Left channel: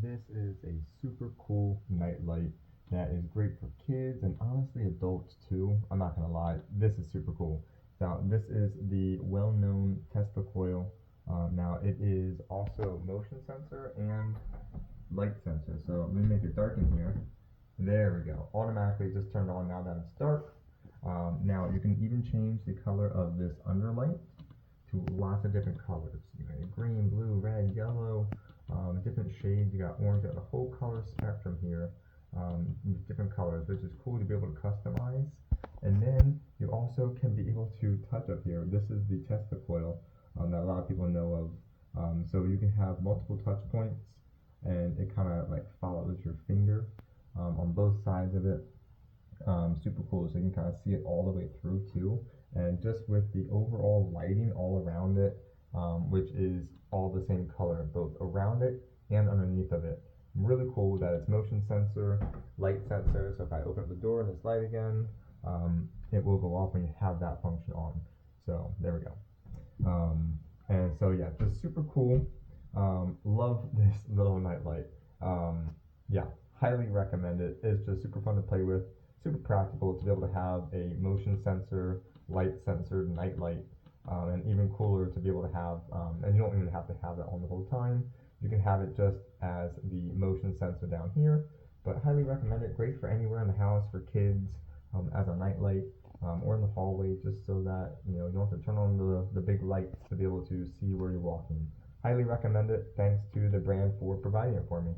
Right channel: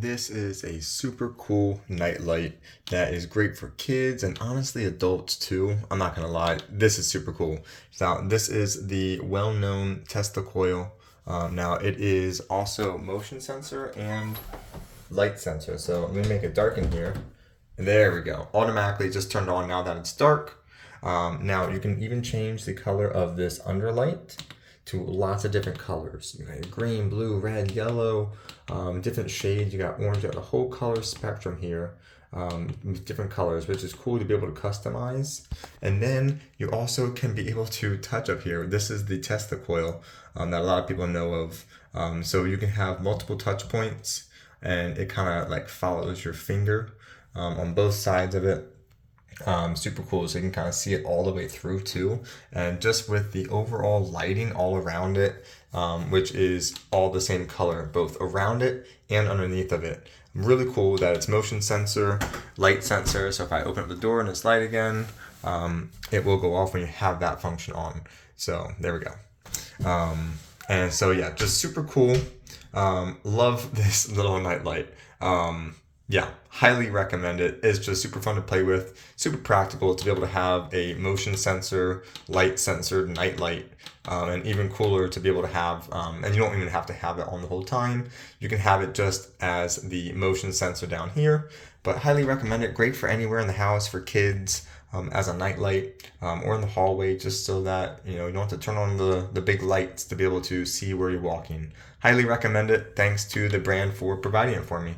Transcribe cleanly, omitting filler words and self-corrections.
This is a super cool night light that is great for kids and honestly adults too. I'm not gonna lie, this is super cool. Now, this is the well-known Tesla coil. Now, it is also motion sensor and light sensor. So I'm gonna make it dark in here. There we go. Automatically just turned on now that it's dark. Now you can even change the color of this underlight to lots of different colors. You got green, blue, red, yellow, different shades. You got orange. You got the whole color spectrum here with different colors, which is cool to be able to customize. And then you also can be able to touch up here. This is the Tesla coil that a lot of people know of. So you can have multiple touch points and it kind of like follows your finger on both sides of it. Super cool, so you can kind of see it all the way through too, and just with the overall lighting all around it, which is all the same color both around it and underneath of it. Really cool that it's motion sensor, light sensor, so if I open up the door and it's light again, it will go off when you have that function on. So there we go. And so yeah, just super cool. Love this little night light. Yeah, highly recommend it. It's just super fun to play with, super practical to be able to have a motion sensor, light sensor, night light, and even cooler to be able to have, and you don't even have to have it on the whole time. You can have it just as the motion sensor down here, but highly recommend it. Great for anywhere in the house, for kids, as a night light, or in the hallway, just so that you don't have to turn on the big lights to be able to see where you're walking. Highly recommend it. Thanks to the brand for providing it for me.